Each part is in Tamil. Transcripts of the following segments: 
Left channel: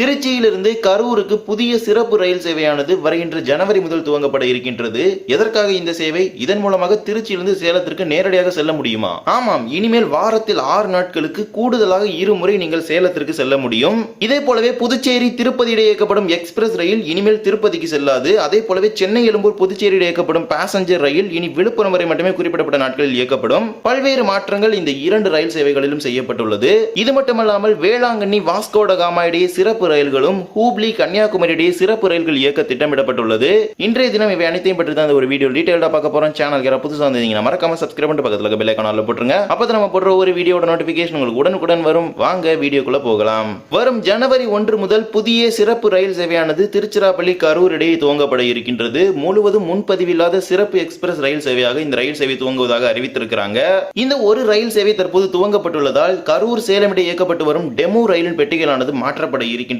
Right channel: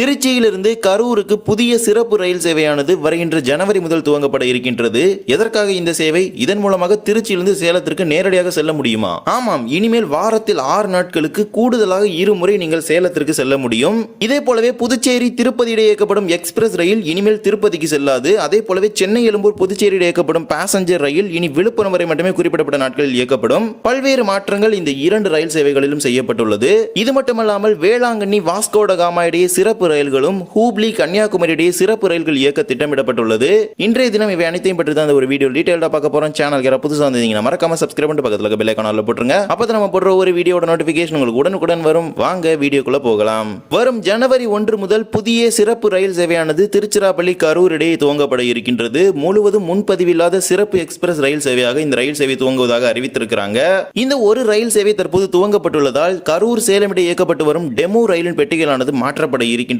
திருச்சியிலிருந்து கரூருக்கு புதிய சிறப்பு ரயில் சேவையானது வருகின்ற ஜனவரி முதல் துவங்கப்பட இருக்கின்றது. எதற்காக இந்த சேவை? இதன் மூலமாக திருச்சியிலிருந்து சேலத்திற்கு நேரடியாக செல்ல முடியுமா? ஆமாம் இனிமேல் வாரத்தில் ஆறு நாட்களுக்கு கூடுதலாக இருமுறை நீங்கள் சேலத்திற்கு செல்ல முடியும். இதே போலவே புதுச்சேரி திருப்பதி இடையே இயக்கப்படும் எக்ஸ்பிரஸ் ரயில் இனிமேல் திருப்பதிக்கு செல்லாது. அதே போலவே சென்னை எழும்பூர் புதுச்சேரி இடையே இயக்கப்படும் பாசஞ்சர் ரயில் இனி விழுப்புரம் வரை மட்டுமே குறிப்பிடப்பட்ட நாட்களில் இயக்கப்படும். பல்வேறு மாற்றங்கள் இந்த இரண்டு ரயில் சேவைகளிலும் செய்யப்பட்டுள்ளது. இது மட்டுமல்லாமல் வேளாங்கண்ணி வாஸ்கோட காமா இடையே சிறப்பு ரயில்களும் ஹூப்ளி கன்னியாகுமரி இடையே சிறப்பு ரயில்கள் இயக்க திட்டமிடப்பட்டுள்ளது. இன்றைய தினம் இவை அனைத்தையும் பற்றி தான் ஒரு வீடியோ டீடைல்டா பார்க்க போறோம். சேனல் யாராவது புதுசாக வந்தீங்கன்னா மறக்காம சப்ஸ்கிரைப் பண்ணிட்டு பக்கத்துல பெல் ஐக்கான போட்டுருங்க. அப்பதான் நம்ம போடுற ஒரு வீடியோட நோட்டிபிகேஷன் உங்களுக்கு உடனுக்குடன் வரும். வாங்க வீடியோக்குள்ள போகலாம். வரும் ஜனவரி ஒன்று முதல் புதிய சிறப்பு ரயில் சேவையானது திருச்சிராப்பள்ளி கரூர் இடையே துவங்கப்பட இருக்கின்றது. முழுவதும் முன்பதிவில்லாத சிறப்பு எக்ஸ்பிரஸ் ரயில் சேவையாக இந்த ரயில் சேவை துவங்குவதாக அறிவித்திருக்கிறாங்க. இந்த ஒரு ரயில் சேவை தற்போது துவங்கப்பட்டுள்ளதால் கரூர் சேலம் இடையே இயக்கப்பட்டு வரும் டெமோ ரயிலின் பெட்டிகளானது மாற்றப்பட இருக்கின்றது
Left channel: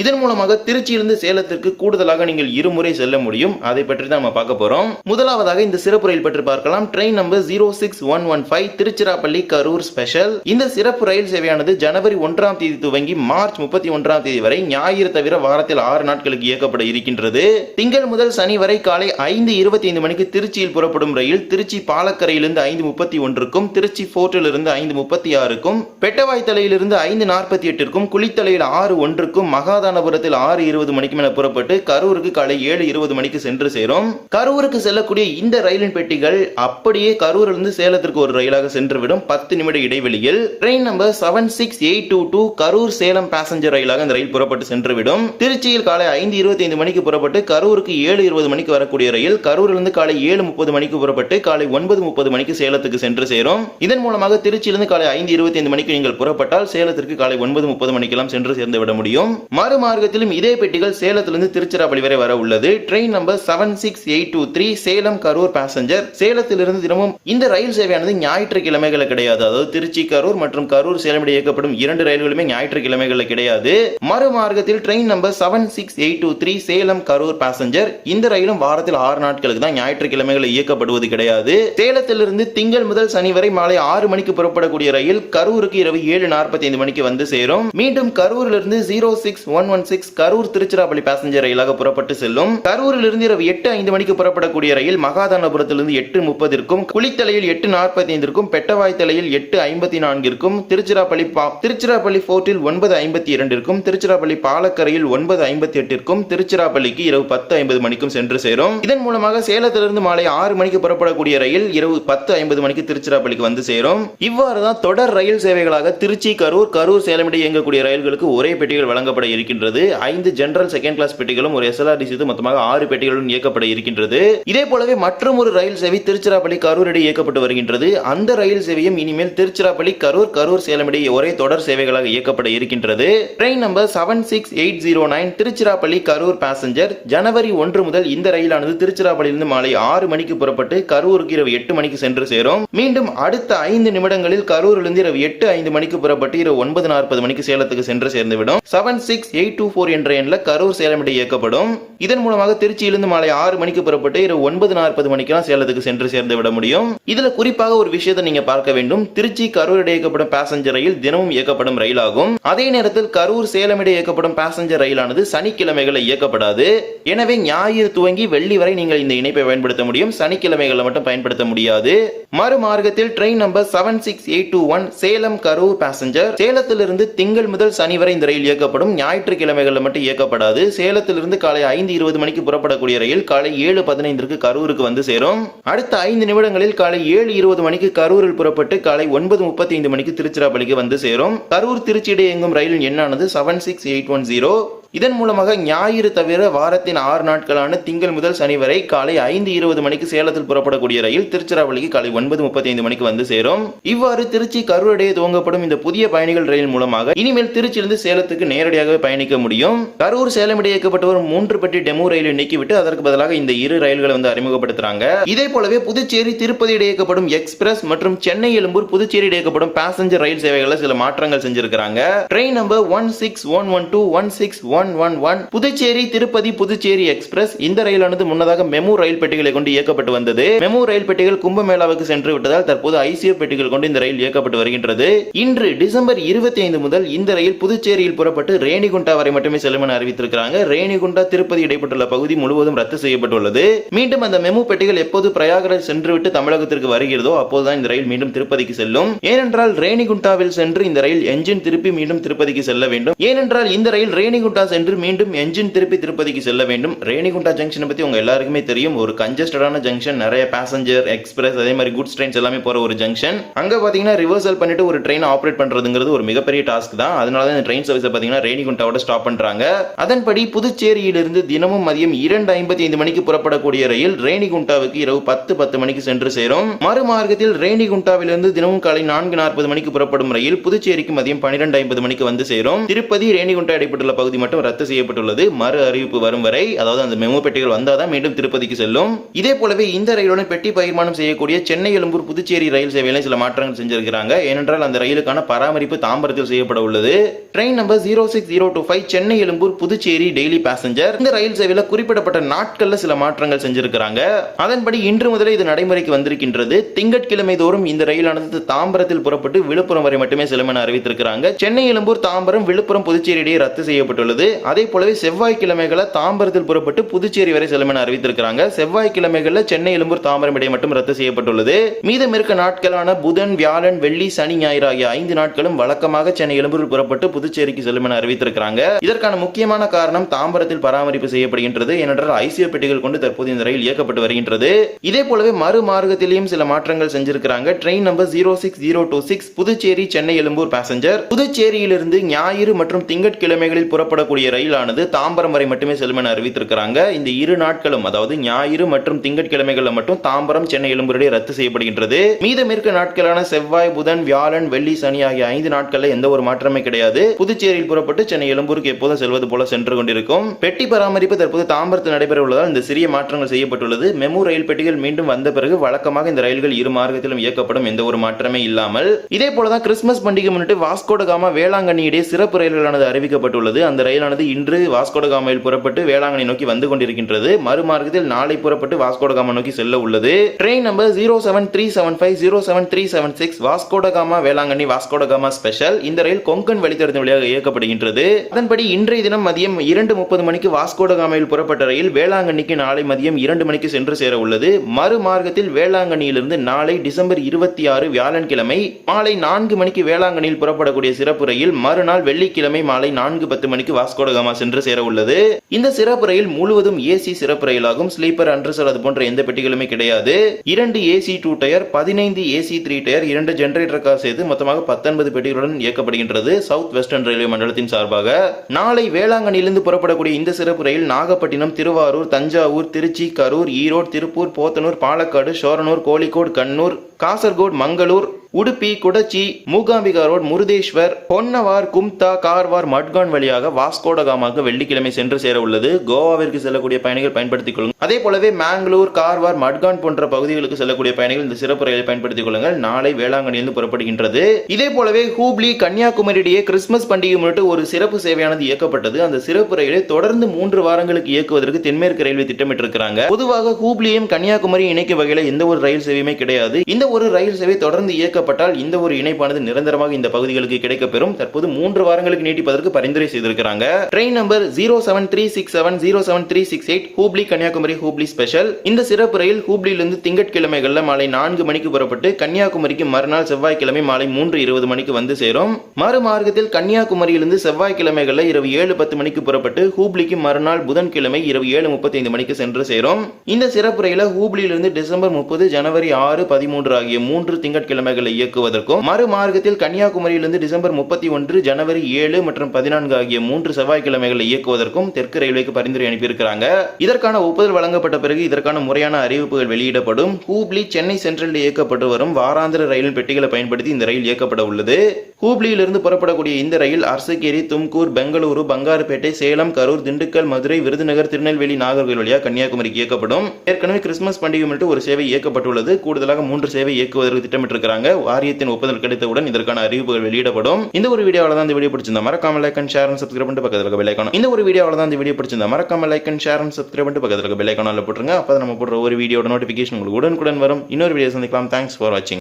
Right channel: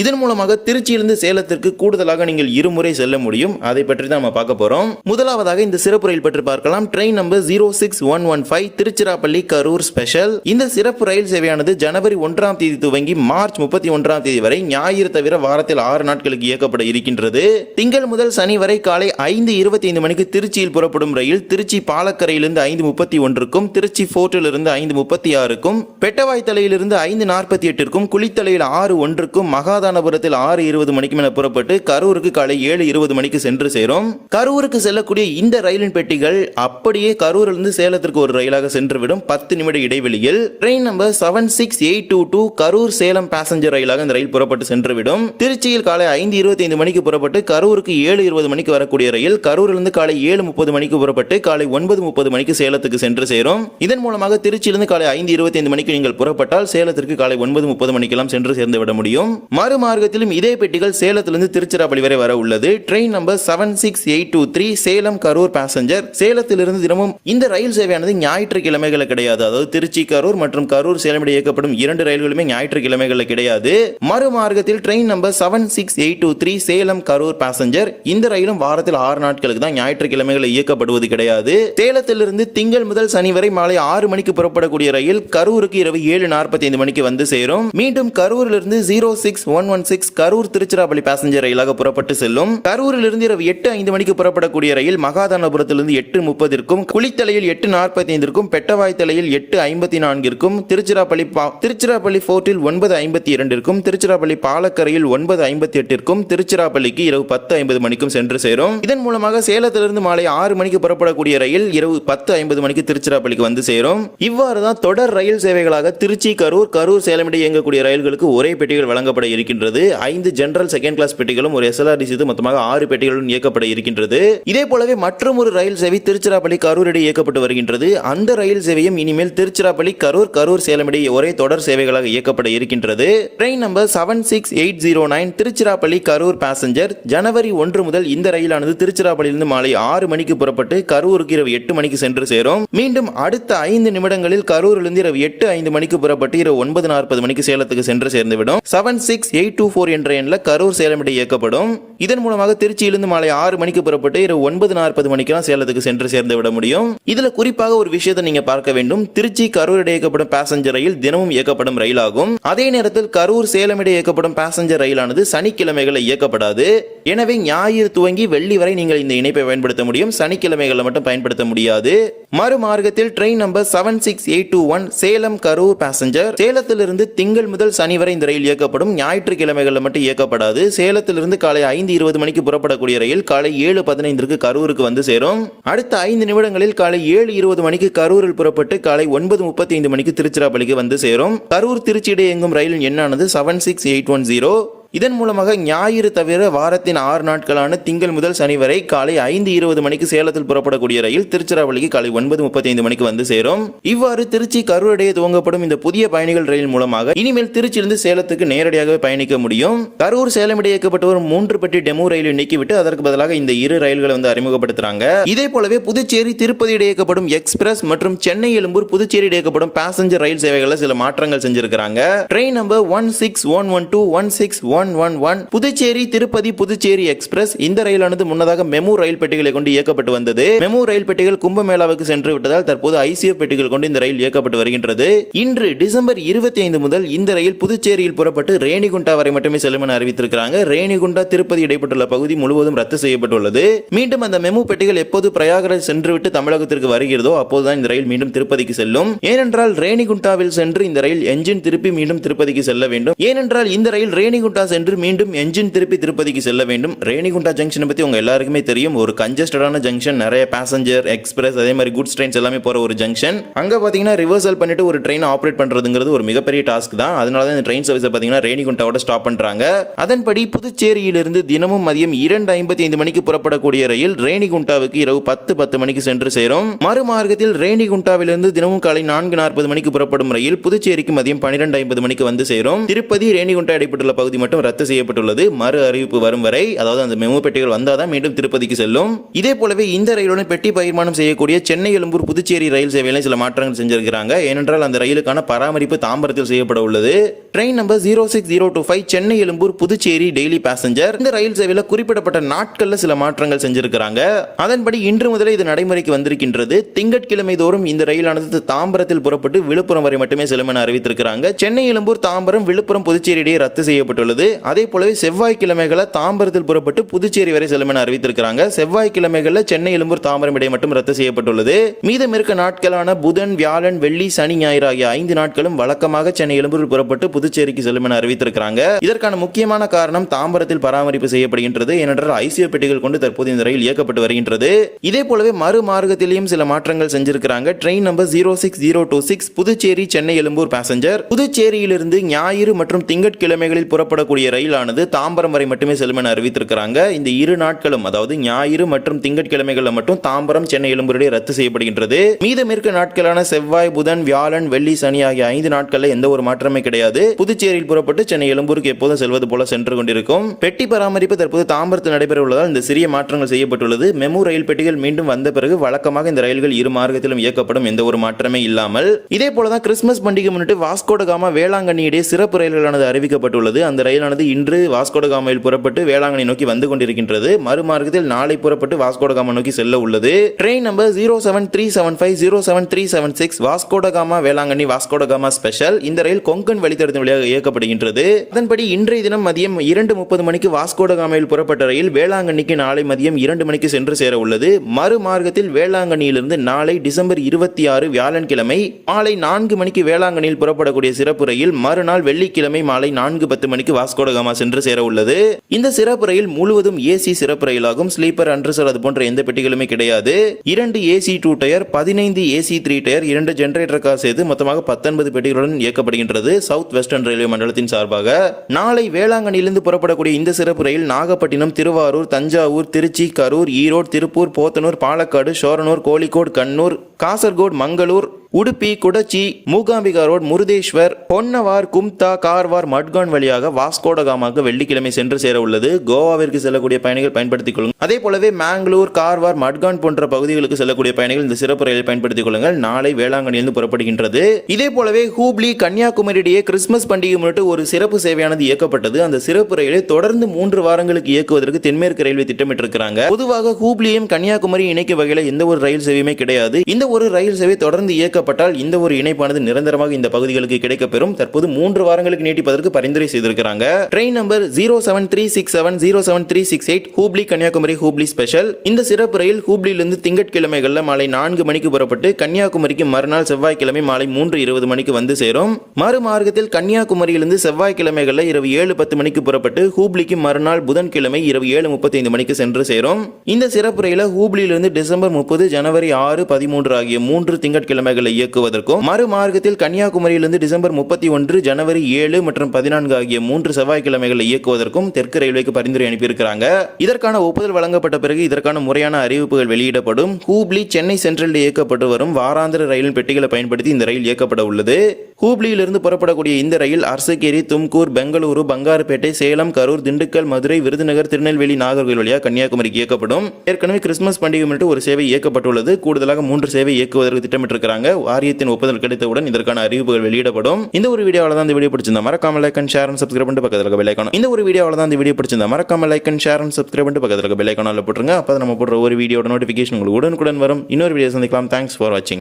இதன் மூலமாக திருச்சியிலிருந்து சேலத்திற்கு கூடுதலாக நீங்கள் இருமுறை செல்ல முடியும். அதை பற்றி தான் நம்ம பார்க்க போறோம். முதலாவதாக இந்த சிறப்பு ரயில் பற்றி பார்க்கலாம். Train number zero six one one five Tiruchirappalli Karur special இந்த சிறப்பு ரயில் சேவையானது ஜனவரி ஒன்றாம் தேதி துவங்கி மார்ச் முப்பத்தி ஒன்றாம் தேதி வரை ஞாயிறு தவிர வாரத்தில் ஆறு நாட்களுக்கு இயக்கப்பட இருக்கின்றது. திங்கள் முதல் சனி வரை காலை ஐந்து இருபத்தி ஐந்து மணிக்கு திருச்சியில் புறப்படும் ரயில் திருச்சி பாலக்கரையிலிருந்து ஐந்து முப்பத்தி ஒன்றுக்கும் திருச்சி போர்ட்டிலிருந்து ஐந்து முப்பத்தி ஆறுக்கும் பெட்டவாய்த்தலையிலிருந்து ஐந்து நாற்பத்தி எட்டிற்கும் குளித்தலையில் ஆறு ஒன்று ஒன்றுக்கும் மகாதானபுரத்தில் ஆறு இருபது மணிக்கு மேல புறப்பட்டு கரூருக்கு காலை ஏழு இருபது மணிக்கு சென்று சேரும். கரூருக்கு செல்லக்கூடிய இந்த ரயிலின் பெட்டிகள் அப்படியே கரூரிலிருந்து சேலத்திற்கு ஒரு ரயிலாக சென்றுவிடும். பத்து நிமிட இடைவெளியில் train number seven six eight two two Karur Salem passenger ரயிலாக இந்த ரயில் புறப்பட்டு சென்றுவிடும். திருச்சியில் காலை ஐந்து இருபத்தி ஐந்து மணிக்கு புறப்பட்டு கரூருக்கு ஏழு இருபது மணிக்கு வரக்கூடிய ரயில் கரூரிலிருந்து காலை ஏழு முப்பது மணிக்கு புறப்பட்டு காலை ஒன்பது முப்பது மணிக்கு சேலத்துக்கு சென்று சேரும். இதன் மூலமாக திருச்சியிலிருந்து காலை ஐந்து இருபத்தி ஐந்து மணிக்கு நீங்கள் புறப்பட்டால் சேலத்திற்கு காலை ஒன்பது முப்பது மணிக்கெல்லாம் சென்று சேர்ந்து விட முடியும். முடியும். மறுமார்க்கத்திலும் இதே பெட்டிகள் சேலத்திலிருந்து திருச்சிராப்பள்ளி வரை வர உள்ளது. Train number seven six eight two three Salem Karur passenger சேலத்திலிருந்து தினமும் இந்த ரயில் சேவையானது ஞாயிற்றுக்கிழமைகளில் கிடையாது. அதாவது திருச்சி கரூர் மற்றும் கரூர் சேலம் இடையே இயக்கப்படும் இரண்டு ரயில்களுமே ஞாயிற்றுக்கிழமைகளில் கிடையாது. மறுமார்க்கத்தில் train number seven six eight two three Salem Karur passenger இந்த ரயிலும் வாரத்தில் ஆறு நாட்களுக்கு தான் ஞாயிற்றுக்கிழமைகளில் இயக்கப்படுவது கிடையாது. சேலத்திலிருந்து திங்கள் முதல் சனி வரை மாலை ஆறு மணிக்கு புறப்படக்கூடிய ரயில் கரூருக்கு இரவு ஏழு நாற்பத்தி ஐந்து மணிக்கு வந்து சேரும். மீண்டும் கரூரிலிருந்து zero six one one six Karur Tiruchirappalli passenger ரயிலாக புறப்பட்டு செல்லும். கரூரிலிருந்து இரவு எட்டு ஐந்து மணிக்கு புறப்படக்கூடிய ரயில் மகாதானபுரத்திலிருந்து எட்டு முப்பதிற்கும் குளித்தலையில் எட்டு நாற்பத்தி ஐந்திற்கும் பெட்டவாய்த்தலையில் எட்டு ஐம்பத்தி நான்கிற்கும் திருச்சிராப்பள்ளி பா- திருச்சிராப்பள்ளி போர்ட்டில் ஒன்பது ஐம்பத்தி இரண்டிற்கும் திருச்சிராப்பள்ளி பாலக்கரையில் ஒன்பது ஐம்பத்தி எட்டிற்கும் திருச்சிராப்பள்ளிக்கு இரவு பத்து ஐம்பது மணிக்கும் சென்று சேரும். இதன் மூலமாக சேலத்திலிருந்து மாலை ஆறு மணிக்கு புறப்படக்கூடிய ரயில் இரவு பத்து ஐம்பது மணிக்கு திருச்சிராப்பள்ளிக்கு வந்து சேரும். இவ்வாறு தான் தொடர் ரயில் சேவைகளாக திருச்சி கரூர் கரூர் சேலம் இடையே இயங்கக்கூடிய ரயில்களுக்கு ஒரே பெட்டிகள் பெட்டிகள் வழங்கப்பட இருக்கின்றது. ஐந்து ஜெனரல் செகண்ட் கிளாஸ் பெட்டிகளும் ஒரு எஸ்எல்ஆர்டி சேர்த்து மொத்தமாக ஆறு பெட்டிகளும் இயக்கப்பட இருக்கின்றது. இதே போலவே மற்றும் ஒரு ரயில் சேவை திருச்சிராப்பள்ளி கரூர் இடையே இயக்கப்பட்டு வருகின்றது. அந்த ரயில் சேவையும் இனிமேல் திருச்சிராப்பள்ளி கரூர் கரூர் சேலம் இடையே ஒரே தொடர் சேவைகளாக இயக்கப்பட இருக்கின்றது. Train number seven six eight zero nine Tiruchirappalli Karur passenger ஜனவரி ஒன்று முதல் இந்த ரயிலானது திருச்சிராப்பள்ளியிலிருந்து மாலை ஆறு மணிக்கு புறப்பட்டு கரூருக்கு இரவு எட்டு மணிக்கு சென்று சேரும். மீண்டும் அடுத்த ஐந்து நிமிடங்களில் கரூரிலிருந்து இரவு எட்டு ஐந்து மணிக்கு புறப்பட்டு இரவு ஒன்பது நாற்பது மணிக்கு சேலத்துக்கு சென்று சேர்ந்துவிடும். Seven six eight two four என்ற எண்ணில் கரூர் சேலம் இடையே இயக்கப்படும். இதன் மூலமாக திருச்சியிலிருந்து மாலை ஆறு மணிக்கு புறப்பட்டு இரவு ஒன்பது நாற்பது மணிக்கெல்லாம் சேலத்துக்கு சென்று சேர்ந்து விட முடியும். இதில் குறிப்பாக ஒரு விஷயத்தை நீங்க பார்க்க வேண்டும். திருச்சி கரூர் இடையே இயக்கப்படும் பேசஞ்சர் ரயில் தினமும் இயக்கப்படும் ரயிலாகும். அதே நேரத்தில் கரூர் சேலம் இடையே இயக்கப்படும் பேசஞ்சர் ரயிலானது சனிக்கிழமைகளில் இயக்கப்படாது. எனவே ஞாயிறு துவங்கி வெள்ளி வரை நீங்கள் இந்த இணைப்பை பயன்படுத்த முடியும். சனிக்கிழமைகளில் மட்டும் பயன்படுத்த முடியாது. மறுமார்க்கத்தில் train number seven six eight two one Salem Karur passenger சேலத்திலிருந்து திங்கள் முதல் சனி வரை இந்த ரயில் இயக்கப்படும். ஞாயிற்றுக்கிழமைகளில் மட்டும் இயக்கப்படாது. சேலத்திலிருந்து காலை ஐந்து இருபது மணிக்கு புறப்படக்கூடிய ரயில் காலை ஏழு பதினைந்திற்கு கரூருக்கு வந்து சேரும். அடுத்த ஐந்து நிமிடங்களில் காலை ஏழு இருபது மணிக்கு கரூரில் புறப்பட்டு காலை ஒன்பது முப்பத்தி ஐந்து மணிக்கு திருச்சிராப்பள்ளிக்கு வந்து சேரும். கரூர் திருச்சி இடையே இயங்கும் ரயிலின் எண்ணானது seven six eight one zero இதன் மூலமாக ஞாயிறு தவிர வாரத்தின் ஆறு நாட்களான திங்கள் முதல் சனி வரை காலை ஐந்து இருபது மணிக்கு சேலத்தில் புறப்படக்கூடிய ரயில் திருச்சிராப்பள்ளிக்கு காலை ஒன்பது முப்பத்தி ஐந்து மணிக்கு வந்து சேரும். இவ்வாறு திருச்சி கரூரடையே துவங்கப்படும் இந்த புதிய பயணிகள் ரயில் மூலமாக இனிமேல் திருச்சியிலிருந்து சேலத்துக்கு நேரடியாக பயணிக்க முடியும். கரூர் சேலம் இடையே இயக்கப்பட்ட ஒரு மூன்று பெட்டி டெமோ ரயிலை நீக்கிவிட்டு அதற்கு பதிலாக இந்த இரு ரயில்களை வந்து அறிமுகப்படுத்துறாங்க. இதே போலவே புதுச்சேரி திருப்பதி இடையே இயக்கப்படும் எக்ஸ்பிரஸ் மற்றும் சென்னை எழும்பூர் புதுச்சேரி இயக்கப்படும் பேசஞ்சர் ரயில் சேவைகளில் சில மாற்றங்கள் செஞ்சிருக்காங்க train number one six one one two one six one one one one Puducherry Tirupati Puducherry express. இந்த ரயிலானது முன்னதாக மெமு ரயில் பெட்டிகளை கொண்டு இயக்கப்பட்டு வந்தது. மெமு ரயில் பெட்டிகள் கும்பமேளாவுக்கு சென்று விட்டதால் தற்போது ஐசிஎஃப் பெட்டிகள் கொண்டு இந்த ரயில் இயக்கப்பட்டு வருகின்றது. இன்று டிசம்பர் இருபத்தி ஐந்து முதல் இந்த ரயில் புதுச்சேரியில் புறப்பட்டு ரேணிகுண்டா வரை மட்டுமே செல்லும் என அறிவித்திருக்கிறாங்க. ரேணிகுண்டா திருப்பதி இடைப்பட்டுள்ள பகுதி முழுவதும் ரத்து செய்யப்பட்டுள்ளது. மீண்டும் அந்த மெமு பெட்டிகள் எப்போது பிரயாகராஜ் சென்றுவிட்டு தமிழகத்திற்கு வருகிறதோ அப்போதுதான் இந்த ரயில் மீண்டும் திருப்பதிக்கு செல்லும். ஏனென்றால் ரேணிகுண்டாவில் சென்று இந்த ரயில் என்ஜின் திருப்பி மீண்டும் திருப்பதிக்கு செல்ல வேண்டும். ஏனென்றால் இந்த ரயில் ரேணிகுண்டா சென்று மீண்டும் என்ஜின் திருப்பி திருப்பதிக்கு செல்ல வேண்டும். ரேணிகுண்டா ஜங்ஷனை பத்தி உங்கள் எல்லாருக்குமே தெரியும். ஒரு கஞ்சஸ்டடான ஜங்ஷன் நிறைய பேசஞ்சர் எக்ஸ்பிரஸ் அதே மாதிரி குட்ஸ் ட்ரெயின்ஸ் எல்லாமே போற ஒரு ஜங்ஷன் அங்க பாத்தீங்கன்னா ரிவர்சல் பண்ணிட்டு ஒரு ட்ரெயின் ஆப்ரேட் பண்றதுங்கிறது ஒரு மிகப்பெரிய டாஸ்க் தான். அதனால தான் இந்த ட்ரெயின் சர்வீஸ் பாத்தீங்கன்னா ரேணிகுண்டாவோட ஸ்டாப் பண்ணுறாங்க அதன்படி புதுச்சேரியிலிருந்து தினமும் மதியம் இரண்டு ஐம்பத்தி ஐந்து மணிக்கு புறப்படக்கூடிய ரயில் ரேணிகுண்டாவுக்கு இரவு பத்து பத்து மணிக்கு சென்று சேரும். மறுமார்க்கத்தில் ரேணிகுண்டாவிலிருந்து தினமும் காலை நான்கு நாற்பது மணிக்கு புறப்படும் ரயில் புதுச்சேரிக்கு மதியம் பன்னிரெண்டு ஐம்பது மணிக்கு வந்து சேரும். திருப்பதி ரேணிகுண்டா இடைப்பட்டுள்ள பகுதி மட்டும் ரத்து செய்யப்பட்டுள்ளது. மறு அறிவிப்பு வரும் வரை அதாவது அந்த மெமோ பெட்டிகள் வந்தாதான் மீண்டும் திருப்பதிக்கு செல்லும். இதே போலவே இந்த ரயிலுடன் பெட்டி பகிர்மானம் செய்யக்கூடிய சென்னை எழும்பூர் புதுச்சேரி ரயில் சேவையில சில மாற்றங்கள் செஞ்சிருக்கிறாங்க. ஏனென்றால் அந்த ரயிலுக்கான பராமரிப்பு தாம்பரத்தில் செய்யப்பட உள்ளது. Train number zero six zero two five Chennai Egmore Puducherry daily passenger இந்த ரயில் சேவையில குறிப்பிடப்பட்ட நாட்கள்ல சில மாற்றங்கள் செஞ்சிருக்கிறாங்க. அதன்படி இன்று முதலே இது நடைமுறைக்கு வந்திருக்கின்றது. திங்கட்கிழமை தோறும் இந்த ரயிலானது தாம்பரத்தில் புறப்பட்டு விழுப்புரம் வரை மட்டுமே செல்லும் என அறிவித்திருக்கிறாங்க. சென்னை எழும்பூர் தாம்பரம் விழுப்புரம் புதுச்சேரி இடையே ரத்து செய்யப்பட்டுள்ளது. அதே போலவே செவ்வாய்க்கிழமைகளை தாம்பரத்தில் புறப்பட்டு புதுச்சேரி வரை செல்லும் என அறிவித்திருக்கிறாங்க. செவ்வாய்க்கிழமைகளில் சென்னை எழும்பூர் தாம்பரம் இடையே மட்டும் ரத்து செய்யப்பட்டுள்ளது. மீதம் இருக்க நாட்களான புதன் வியாழன் வெள்ளி சனி ஞாயிறு ஆகிய ஐந்து நாட்களும் வழக்கமாக சென்னை எழும்பூரில் புறப்பட்டு புதுச்சேரிக்கு செல்லும் என அறிவித்திருக்கிறாங்க. இதற்கான முக்கியமான காரணம் தாம்பரத்தில் பராமரிப்பு செய்யப்படுகின்றது. ஏனென்றால் ஐசியோ பெட்டிகள் கொண்டு தற்போது இந்த ரயில் இயக்கப்பட்டு வருகின்றது. இதே போலவே மறு மார்க்கத்திலேயும் சில மாற்றங்கள் செஞ்சிருக்கிறாங்க. Train number zero six zero two six Puducherry Chennai Egmore passenger. புதுச்சேரியிலிருந்து ஞாயிறு மற்றும் திங்கட்கிழமைகளில் புறப்படக்கூடிய செல்லக்கூடிய ரயிலானது தாம்பரம் வரை மட்டுமே செல்லும் என அறிவித்திருக்கிறாங்க. இந்த இரு நாட்களும் அதாவது ஞாயிறு மற்றும் திங்கட்கிழமைகளில் மட்டும் தாம்பரம் சென்னை எழும்பூரிடையே ரத்து செய்யப்படுகின்றது. மீதம் இருக்க நாட்களான செவ்வாய் புதன் வியாழன் வெள்ளி சனி ஆகிய ஐந்து நாட்களில் எந்த ஒரு மாற்றமே கிடையாது. புதுச்சேரியில் புறப்பட்டு சென்னை எழும்பூருக்கு எப்போதும் செல்வது போல சென்று கொண்டிருக்கும். பெட்டி பராமரிப்பு தற்போது தாம்பரத்தில் நடைபெற உள்ளதால் இந்த சிறிய மாற்றங்கள் செய்யப்பட்டுள்ளது. மெமு ரயில் பெட்டிகள் மீண்டும் வந்த பிறகு வழக்கமாக இந்த ரயில்கள் இரு மார்க்கத்திலும் இயக்கப்படும் எந்த ஒரு மாற்றமே இல்லாமல். இதே போலதான் கிறிஸ்துமஸ் பண்டிகை முன்னிட்டு வாஸ்கோடகாமா வேளாங்கண்ணி இடையே சிறப்பு ரயில்களானது அறிவிக்கப்பட்டுள்ளது. அந்த ரயில் ரயிலானது இன்று வாஸ்கோடகாமாவில் புறப்பட்டு வேளாங்கண்ணி நோக்கி வந்து கொண்டிருக்கின்றது. மறுமார்க்கத்தில் நாளை புறப்பட்டு வாஸ்கோடகாமா நோக்கி செல்ல உள்ளது. Train number zero seven three seven five zero seven three seven six Vasco da Gama Velankanni Vasco da Gama special இந்த ரயில் கொங்கன் வழித்தடத்தின் வழியாக இயக்கப்படுகின்றது. அதன்படி இன்றைய தினம் மதியம் இரண்டு முப்பது மணிக்கு வாஸ்கோடகாமாவில் புறப்பட்ட ரயில் வேளாங்கண்ணிக்கு நாளை மதியம் இரண்டு மணிக்கு சென்று சேர உள்ளது. மறுமார்க்கத்தில் வேளாங்கண்ணியிலிருந்து நாளை டிசம்பர் இருபத்தி ஆறு வியாழன்கிழமை மாலை நான்கு மணிக்கு வேளாங்கண்ணியில் புறப்படக்கூடிய சிறப்பு ரயில் மறுநாள் வெள்ளிக்கிழமை மாலை நான்கு பத்து மணிக்கு வாஸ்கோ வாஸ்கோடகாமா சென்று சேர உள்ளது. இந்த சிறப்பு ரயில் முழுவதும் ஏசி சிறப்பு ரயிலாகும் ஸ்லீப்பர் அன்ரிசர் அது போன்ற எந்த பெட்டிகளுமே கிடையாது. இரண்டு ஏசி டூ டயர் பதினைந்து ஏசி த்ரீ டயர் இரண்டு ஜெனரேட்டர் கார் சேர்த்து மொத்தமாக பத்தொன்பது பெட்டிகளுடன் இயக்கப்படுகின்றது. சவுத் வெஸ்டர்ன் ரயில்வே மண்டலத்தின் சார்பாக. நாளை வேளாங்கண்ணியிலிருந்து புறப்படக்கூடிய இந்த சிறப்பு ரயில் நாகப்பட்டினம் திருவாரூர் தஞ்சாவூர் திருச்சி கரூர் ஈரோடு திருப்பூர் போத்தனூர் பாலக்காடு ஷோரனூர் கோழிக்கோடு கண்ணூர் காசர்கோடு மங்களூர் உடுப்பி குடச்சி மூகாம்பிகா ரோட் முருதேஸ்வர் பொன்னவார் கும்தா கார்வார் மட்கான் வழியாக வாஸ்கோடகாமாக்கு வெள்ளிக்கிழமை சென்று சேர உள்ளது. கோவாவிற்கு செல்லக்கூடிய பயணிகள் பயன்படுத்திக் கொள்ளுங்கள். அதே போலவே மேங்களூர் கார்வார் மட்கான் போன்ற பகுதிகளுக்கு செல்லக்கூடிய பயணிகள் இந்த சிறப்பு ரயில் பயன்படுத்திக் கொள்ளுங்கள். நாளை வேளாங்கண்ணியிலிருந்து புறப்படுகின்றது. இதே போலவே ஹூப்ளி கன்னியாகுமரி இடையே கிறிஸ்துமஸ் பண்டிகை முன்னிட்டு ஒரு சிறப்பு சேவையானது இயக்கப்பட்டது. அந்த சிறப்பு ரயிலை தொடர்ந்து மூன்று வாரங்களுக்கு இயக்குவதற்கு தென்மேற்கு ரயில்வே திட்டமிட்டிருக்கிறாங்க. பொதுவாக ஹூப்ளியும் கன்னியாகுமரி இணைக்கும் வகையில் எந்த ஒரு ரயில் சேவையுமே கிடையாது. இந்த ஒரு ரயில் சேவை தொடர்ந்து இயக்கப்பட்டால் இந்த ஒரு இணைப்பானது நிரந்தரமாக இந்த பகுதிகளுக்கு கிடைக்கப்பெறும். தற்போது மூன்று வாரங்களுக்கு நீட்டிப்பதற்கு பரிந்துரை செய்திருக்கிறாங்க. Train number zero seven three six seven zero seven three six eight Hubli Kanyakumari Hubli special இந்த சிறப்பு ரயில் ஹூப்ளியிலிருந்து திங்கட்கிழமைகளில் மாலை நான்கு மணிக்கு புறப்பட்டு கன்னியாகுமரிக்கு மறுநாள் செவ்வாய்க்கிழமை மாலை மூன்று இருபது மணிக்கு வந்து சேரும். மறுமார்க்கத்தில் கன்னியாகுமரியிலிருந்து செவ்வாய்க்கிழமைகளில் இரவு ஏழு பத்து மணிக்கு புறப்பட்டு ஹூப்ளிக்கு மறுநாள் புதன்கிழமை இரவு ஏழு முப்பத்தைந்து மணிக்கு சென்று சேரும். இந்த சிறப்பு ரயில ஹூப்ளியிலிருந்து டிசம்பர் முப்பது ஜனவரி ஆறு பதிமூன்று ஆகிய மூன்று திங்கட்கிழமைகள் இயக்குவதற்கும் மறுமார்க்கத்தில் கன்னியாகுமரியிலிருந்து டிசம்பர் முப்பத்தி ஒன்று ஜனவரி ஏழு மற்றும் பதினான்கு ஆகிய மூன்று செவ்வாய்க்கிழமைகளை இயக்குவதற்கும் தெற்கு ரயில்வேக்கு பரிந்துரை அனுப்பியிருக்கிறாங்க. இதற்கான ஒப்புதல் வழங்கப்பட்ட பிறகு இதற்கான முறையான அறிவிப்புகள் வெளியிடப்படும். ஹூப்ளி சென்னை சென்ட்ரலில் இயக்கப்பட்டு வரும் வாராந்திர ரயில் பெட்டிகளை பயன்படுத்தி இந்த ரயில் இயக்கப்பட உள்ளது. ஹூப்ளியிலிருந்து புறப்படக்கூடிய இந்த ரயில் அரசகேரி தும்கூர் பெங்களூரு பங்காருப்பேட்டை சேலம் கரூர் திண்டுக்கல் மதுரை விருதுநகர் திருநெல்வேலி நாகர்கோவில் வழியாக கன்னியாகுமரிக்கு இயக்கப்படும். ஏற்கனவே கிறிஸ்துமஸ் பண்டிகை மட்டும் ஒரு சேவை இயக்கப்பட்டுள்ளது. கூடுதலாக மூன்று சேவை இயக்குவதற்கு திட்டமிட்டிருக்கிறாங்க. வாரியத்தின் ஒப்புதல் கிடைத்தவுடன் இதற்கான அறிவிப்புகள் வெளியிடப்படும். இந்த ஒரு வீடியோவில் தான் இந்த வீடியோ பிடிச்சிருந்தா மறக்காம like and share and subscribe பண்ணிட்டு பக்கத்தில் இருக்க இந்த ஒரு வீடியோவில் தான் இந்த வீடியோ பிடிச்சிருந்தா மறக்காம like and share and subscribe பண்ணிட்டு பக்கத்தில் இருக்க போட்டுருங்க. அப்போ நம்ம போடுற ஒரு வீடியோட நோட்டிஃபிகேஷன் உங்களுக்கு உடனுக்குடன் வரும். இன்னொரு வீடியோ சந்திக்கலாம். தேங்க்ஸ் ஃபார் வாட்சிங்